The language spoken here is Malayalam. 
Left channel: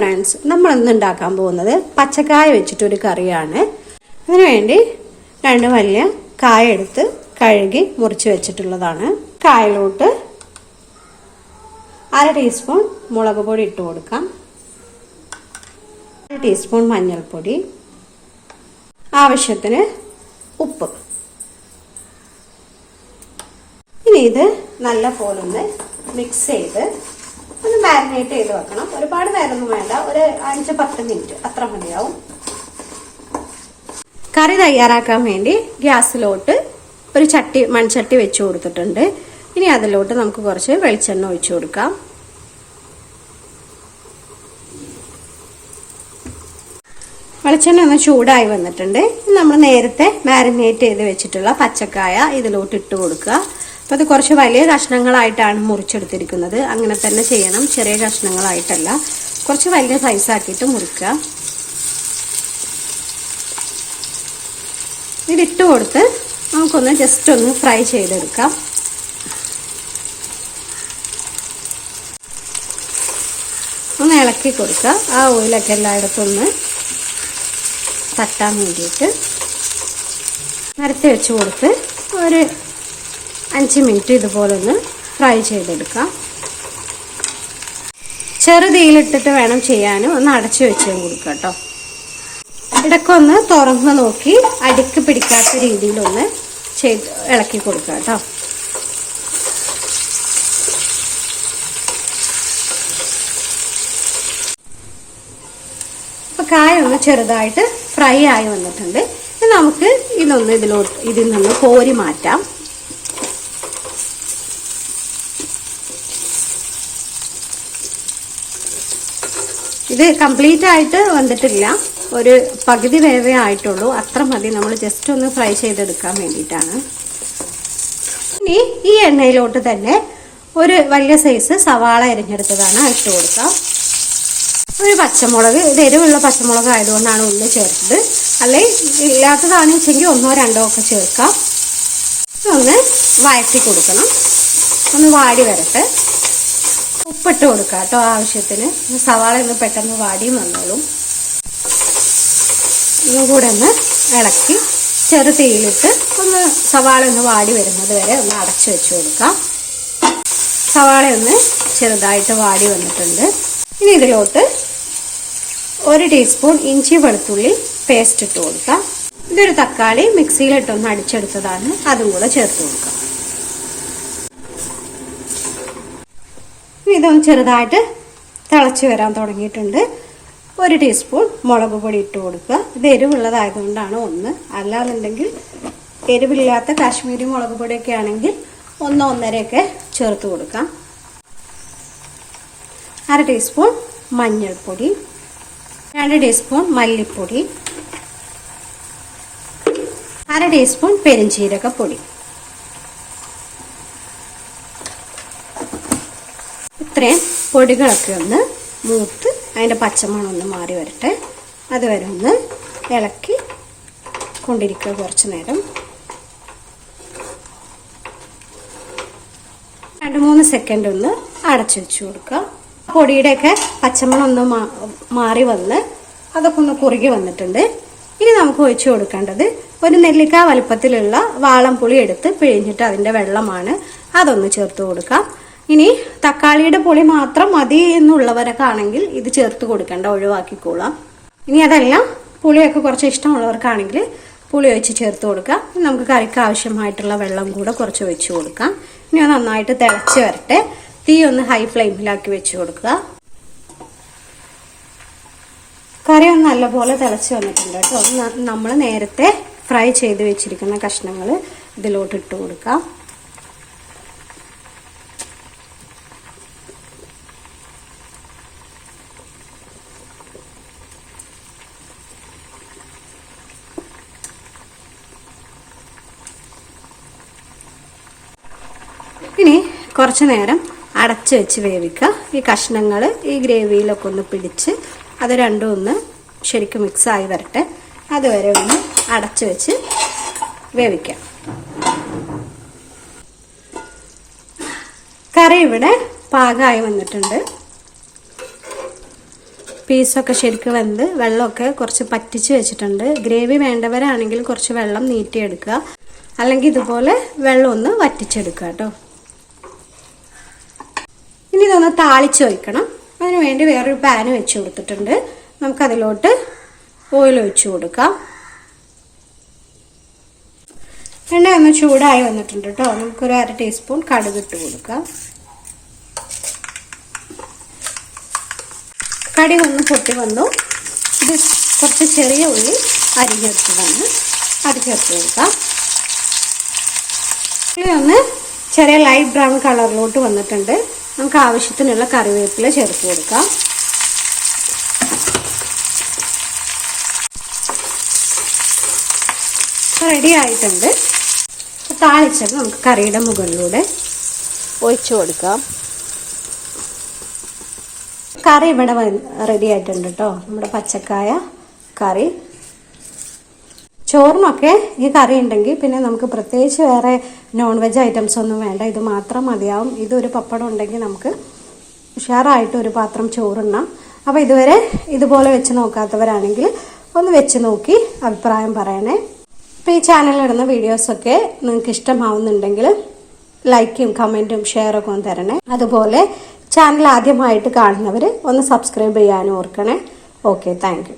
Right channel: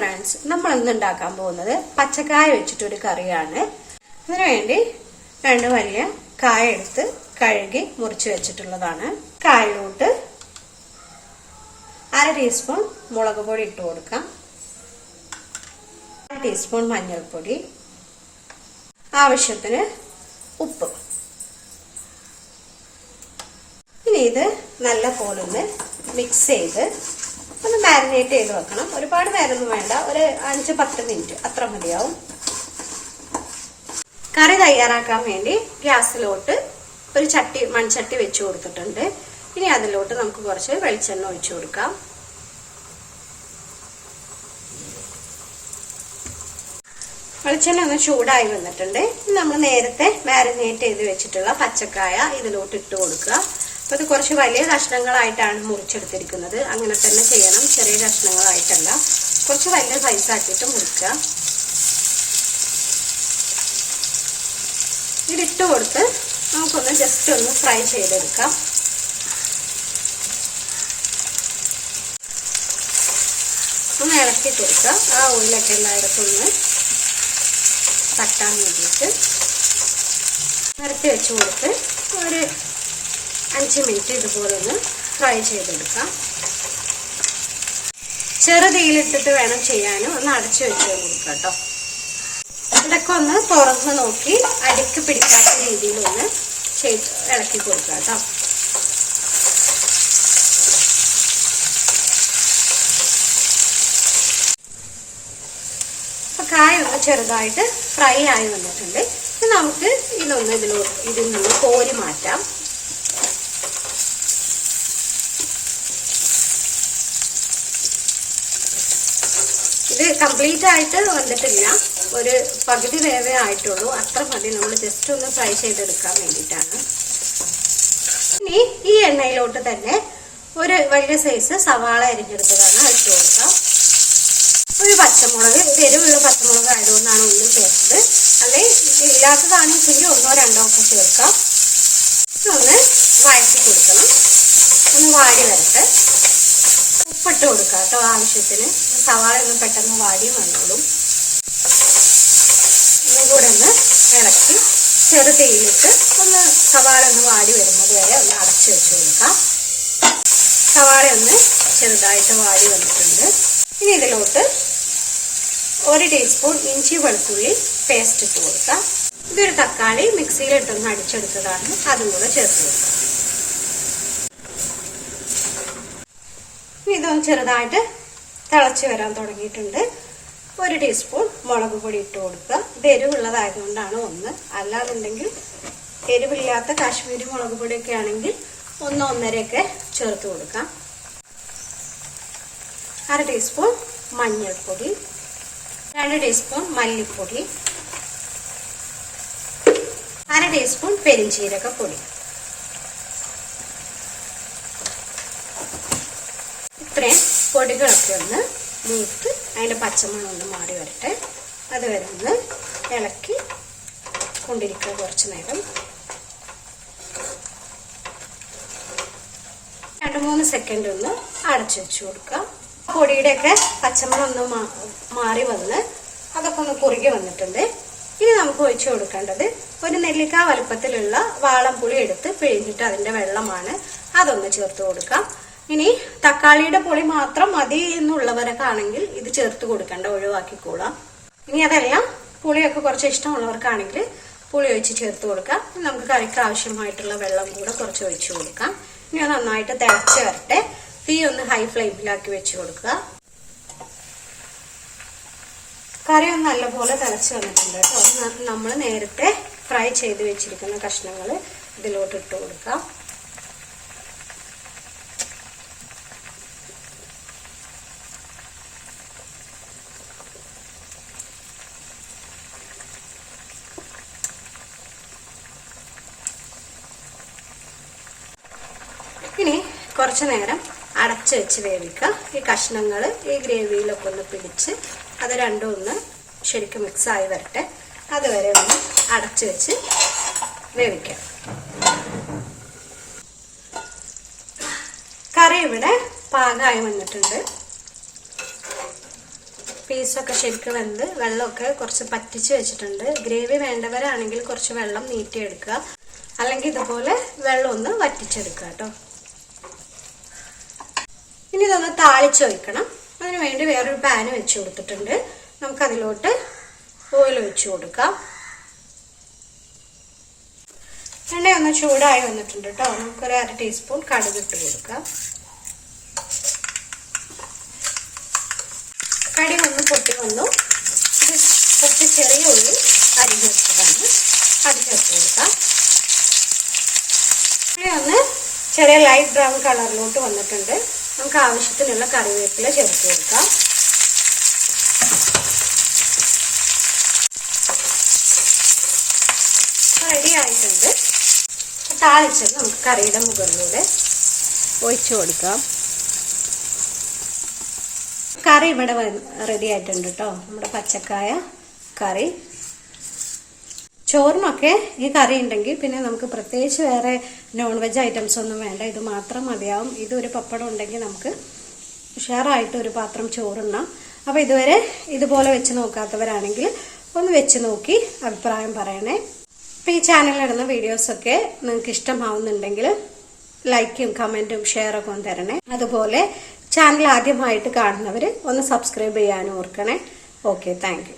ഫ്രണ്ട്സ്, നമ്മൾ ഇന്ന് ഉണ്ടാക്കാൻ പോകുന്നത് പച്ചക്കായ വെച്ചിട്ടൊരു കറിയാണ്. അതിനുവേണ്ടി 2 വലിയ കായ എടുത്ത് കഴുകി മുറിച്ച് വെച്ചിട്ടുള്ളതാണ്. കായയിലോട്ട് 1/2 ടീസ്പൂൺ മുളക് പൊടി ഇട്ട് കൊടുക്കാം. 1 ടീസ്പൂൺ മഞ്ഞൾപ്പൊടി, ആവശ്യത്തിന് ഉപ്പ്. ഇനി ഇത് നല്ല പോലെ ഒന്ന് മിക്സ് ചെയ്ത് ഒന്ന് മാരിനേറ്റ് ചെയ്ത് വെക്കണം. ഒരുപാട് നേരമൊന്നും വേണ്ട, ഒരു 5-10 മിനിറ്റ് അത്ര മതിയാവും. കറി തയ്യാറാക്കാൻ വേണ്ടി ഗ്യാസിലോട്ട് ഒരു മൺചട്ടി വെച്ച് കൊടുത്തിട്ടുണ്ട്. ഇനി അതിലോട്ട് നമുക്ക് കുറച്ച് വെളിച്ചെണ്ണ ഒഴിച്ചു കൊടുക്കാം. വെളിച്ചെണ്ണ ഒന്ന് ചൂടായി വന്നിട്ടുണ്ട്. നമ്മൾ നേരത്തെ മാരിനേറ്റ് ചെയ്ത് വെച്ചിട്ടുള്ള പച്ചക്കായ ഇതിലോട്ട് ഇട്ട് കൊടുക്കുക. അപ്പോൾ അത് കുറച്ച് വലിയ കഷ്ണങ്ങളായിട്ടാണ് മുറിച്ചെടുത്തിരിക്കുന്നത്. അങ്ങനെ തന്നെ ചെയ്യണം, ചെറിയ കഷ്ണങ്ങളായിട്ടല്ല. കുറച്ച് വലിയ സൈസാക്കിയിട്ട് മുറിക്കുക. ഇതിട്ട് കൊടുത്ത് നമുക്കൊന്ന് ജസ്റ്റ് ഒന്ന് ഫ്രൈ ചെയ്തെടുക്കാം. ഒന്ന് ഇളക്കി കൊടുക്കുക. ആ ഓയിലൊക്കെ എല്ലായിടത്തും ഒന്ന് തട്ടാൻ വേണ്ടിയിട്ട് നിരത്തി വെച്ച് കൊടുത്ത് ഒരു 5 മിനിറ്റ് ഇതുപോലെ ഒന്ന് ഫ്രൈ ചെയ്തെടുക്കാം. ചെറുതീയിലിട്ടിട്ട് വേണം ചെയ്യാനും. ഒന്ന് അടച്ചു വെച്ച് കൊടുക്കുക കേട്ടോ. ഇടയ്ക്കൊന്ന് തുറന്ന് നോക്കി അടിക്ക് പിടിക്കാത്ത രീതിയിലൊന്ന് ഇളക്കി കൊടുക്കുക കേട്ടോ. അപ്പൊ കായ ഒന്ന് ചെറുതായിട്ട് ഫ്രൈ ആയി വന്നിട്ടുണ്ട്. നമുക്ക് ഇതിൽ നിന്ന് കോരി മാറ്റാം. ഇത് കംപ്ലീറ്റ് ആയിട്ട് വന്നിട്ടില്ല, ഒരു പകുതി വേവേ ആയിട്ടുള്ളൂ. അത്ര മതി. നമ്മൾ ജസ്റ്റ് ഒന്ന് ഫ്രൈ ചെയ്തെടുക്കാൻ വേണ്ടിയിട്ടാണ്. ഇനി ഈ എണ്ണയിലോട്ട് തന്നെ ഒരു വലിയ സൈസ് സവാള അരിഞ്ഞെടുത്തതാണ് ഇട്ട് കൊടുക്കാം. ഒരു പച്ചമുളക്, ഇത് എരിവുള്ള പച്ചമുളക് ആയതുകൊണ്ടാണ് ഉള്ളി ചേർത്തത്. അല്ലെ ഇല്ലാത്തതാണെന്ന് വെച്ചെങ്കിൽ 1-2 ഒക്കെ ചേർക്കാം. ഒന്ന് വഴറ്റി കൊടുക്കണം. ഒന്ന് വാടി വരട്ടെ. ഉപ്പിട്ട് കൊടുക്കുക കേട്ടോ ആവശ്യത്തിന്. സവാള ഒന്ന് പെട്ടെന്ന് വാടിയും വന്നോളും. ഇതും കൂടെ ഒന്ന് ഇളക്കി ചെറു തീയിലിട്ട് ഒന്ന് സവാള ഒന്ന് വാടി വരുന്നത് വരെ ഒന്ന് അടച്ചു വെച്ച് കൊടുക്കാം. സവാള ഒന്ന് ചെറുതായിട്ട് വാടി വന്നിട്ടുണ്ട്. ഇനി ഇതിലോട്ട് 1 ടീസ്പൂൺ ഇഞ്ചി വെളുത്തുള്ളി പേസ്റ്റ് ഇട്ട് കൊടുക്കാം. ഇതൊരു തക്കാളി മിക്സിയിലിട്ടൊന്ന് അടിച്ചെടുത്തതാണ്, അതും കൂടെ ചേർത്ത് കൊടുക്കാം. ഇതൊന്ന് ചെറുതായിട്ട് തിളച്ച് വരാൻ തുടങ്ങിയിട്ടുണ്ട്. 1 ടീസ്പൂൺ മുളക് പൊടി ഇട്ട് കൊടുക്കുക. ഇത് എരിവുള്ളതായതുകൊണ്ടാണ് 1. അല്ലാന്നുണ്ടെങ്കിൽ എരിവില്ലാത്ത കാശ്മീരി മുളക് പൊടിയൊക്കെ ആണെങ്കിൽ 1-1.5 ചേർത്ത് കൊടുക്കാം. 1/2 ടീസ്പൂൺ മഞ്ഞൾപ്പൊടി, 2 ടീസ്പൂൺ മല്ലിപ്പൊടി, 1/2 ടീസ്പൂൺ പെരിഞ്ചീരകപ്പൊടി. ഇത്രയും പൊടികളൊക്കെ ഒന്ന് മൂത്ത് അതിൻ്റെ പച്ചമണം ഒന്ന് മാറി വരട്ടെ. അതുവരെ ഒന്ന് ഇളക്കി കൊണ്ടിരിക്കുക കുറച്ച് നേരം. 2-3 സെക്കൻഡ് ഒന്ന് അടച്ചു വെച്ച് കൊടുക്കുക. പൊടിയുടെയൊക്കെ പച്ചമണം ഒന്ന് മാറി വന്ന് അതൊക്കെ ഒന്ന് കുറുകി വന്നിട്ടുണ്ട്. ഇനി നമുക്ക് ഒഴിച്ചു കൊടുക്കേണ്ടത് ഒരു നെല്ലിക്ക വലുപ്പത്തിലുള്ള വാളംപുളി എടുത്ത് പിഴിഞ്ഞിട്ട് അതിൻ്റെ വെള്ളമാണ്. അതൊന്ന് ചേർത്ത് കൊടുക്കാം. ഇനി തക്കാളിയുടെ പുളി മാത്രം മതി എന്നുള്ളവരൊക്കെ ആണെങ്കിൽ ഇത് ചേർത്ത് കൊടുക്കേണ്ട, ഒഴിവാക്കിക്കോളാം. ഇനി അതെല്ലാം പുളിയൊക്കെ കുറച്ച് ഇഷ്ടമുള്ളവർക്കാണെങ്കിൽ പുളി ഒഴിച്ച് ചേർത്ത് കൊടുക്കാം. നമുക്ക് കറിക്ക് ആവശ്യമായിട്ടുള്ള വെള്ളം കൂടെ കുറച്ച് ഒഴിച്ചു കൊടുക്കാം. ഇനി അത് നന്നായിട്ട് തിളച്ച് വരട്ടെ. തീ ഒന്ന് ഹൈ ഫ്ലെയിമിലാക്കി വെച്ച് കൊടുക്കുക. കറി ഒന്ന് നല്ലപോലെ തിളച്ച് വന്നിട്ടുണ്ട് കേട്ടോ. നമ്മൾ നേരത്തെ ഫ്രൈ ചെയ്ത് വെച്ചിരിക്കുന്ന കഷ്ണങ്ങൾ ഇതിലോട്ട് ഇട്ട് കൊടുക്കാം. ഇനി കുറച്ച് നേരം അടച്ചു വെച്ച് വേവിക്കുക. ഈ കഷ്ണങ്ങൾ ഈ ഗ്രേവിയിലൊക്കെ ഒന്ന് പിടിച്ച് അത് രണ്ടും ഒന്ന് ശരിക്കും മിക്സായി വരട്ടെ. അതുവരെ ഒന്ന് അടച്ചു വെച്ച് വേവിക്കാം. കറി ഇവിടെ പാകമായി വന്നിട്ടുണ്ട്. പീസൊക്കെ ശരിക്കും വെന്ത് വെള്ളമൊക്കെ കുറച്ച് പറ്റിച്ച് വെച്ചിട്ടുണ്ട്. ഗ്രേവി വേണ്ടവരാണെങ്കിൽ കുറച്ച് വെള്ളം നീട്ടിയെടുക്കുക, അല്ലെങ്കിൽ ഇതുപോലെ വെള്ളം ഒന്ന് വറ്റിച്ചെടുക്കുക കേട്ടോ. ഇനി ഇതൊന്ന് താളിച്ച് വയ്ക്കണം. അതിന് വേണ്ടി വേറൊരു പാന് വെച്ച് കൊടുത്തിട്ടുണ്ട്. നമുക്കതിലോട്ട് ഓയിൽ ഒഴിച്ചു കൊടുക്കാം. എണ്ണ ഒന്ന് ചൂടായി വന്നിട്ടുണ്ട് കേട്ടോ. നമുക്കൊരു 1/2 ടീസ്പൂൺ കടുക് ഇട്ട് കൊടുക്കാം. കടുക് ഒന്ന് പൊട്ടി വന്നു. ഇത് കുറച്ച് ചെറിയ ഉള്ളി അരിഞ്ഞെടുത്ത് വന്ന് അത് ചേർത്ത് കൊടുക്കാം. ഇനി ഒന്ന് ചെറിയ ലൈറ്റ് ബ്രൗൺ കളറിലോട്ട് വന്നിട്ടുണ്ട്. നമുക്ക് ആവശ്യത്തിനുള്ള കറിവേപ്പില ചേർത്ത് കൊടുക്കാം. റെഡി ആയിട്ടുണ്ട്. താളിച്ചത് നമുക്ക് കറിയുടെ മുകളിലൂടെ ഒഴിച്ചു കൊടുക്കാം. കറി ഇവിടെ റെഡി ആയിട്ടുണ്ട് കേട്ടോ. നമ്മുടെ പച്ചക്കായ കറി. ചോറിനൊക്കെ ഈ കറി ഉണ്ടെങ്കിൽ പിന്നെ നമുക്ക് പ്രത്യേകിച്ച് വേറെ നോൺ വെജ് ഐറ്റംസ് ഒന്നും വേണ്ട. ഇത് മാത്രം മതിയാവും. ഇതൊരു പപ്പടം ഉണ്ടെങ്കിൽ നമുക്ക് ഉഷാറായിട്ട് ഒരു പാത്രം ചോറുണ്ണാം. അപ്പോൾ ഇതുവരെ ഇതുപോലെ വെച്ച് നോക്കാത്തവരാണെങ്കിൽ ഒന്ന് വെച്ച് നോക്കി അഭിപ്രായം പറയണേ. അപ്പോൾ ഈ ചാനലിലിടുന്ന വീഡിയോസൊക്കെ നിങ്ങൾക്ക് ഇഷ്ടമാവുന്നുണ്ടെങ്കിൽ ലൈക്കും കമൻറ്റും ഷെയറൊക്കെ ഒന്ന് തരണേ. അതുപോലെ ചാനൽ ആദ്യമായിട്ട് കാണുന്നവർ ഒന്ന് സബ്സ്ക്രൈബ് ചെയ്യാനും ഓർക്കണേ. Okay, thank you.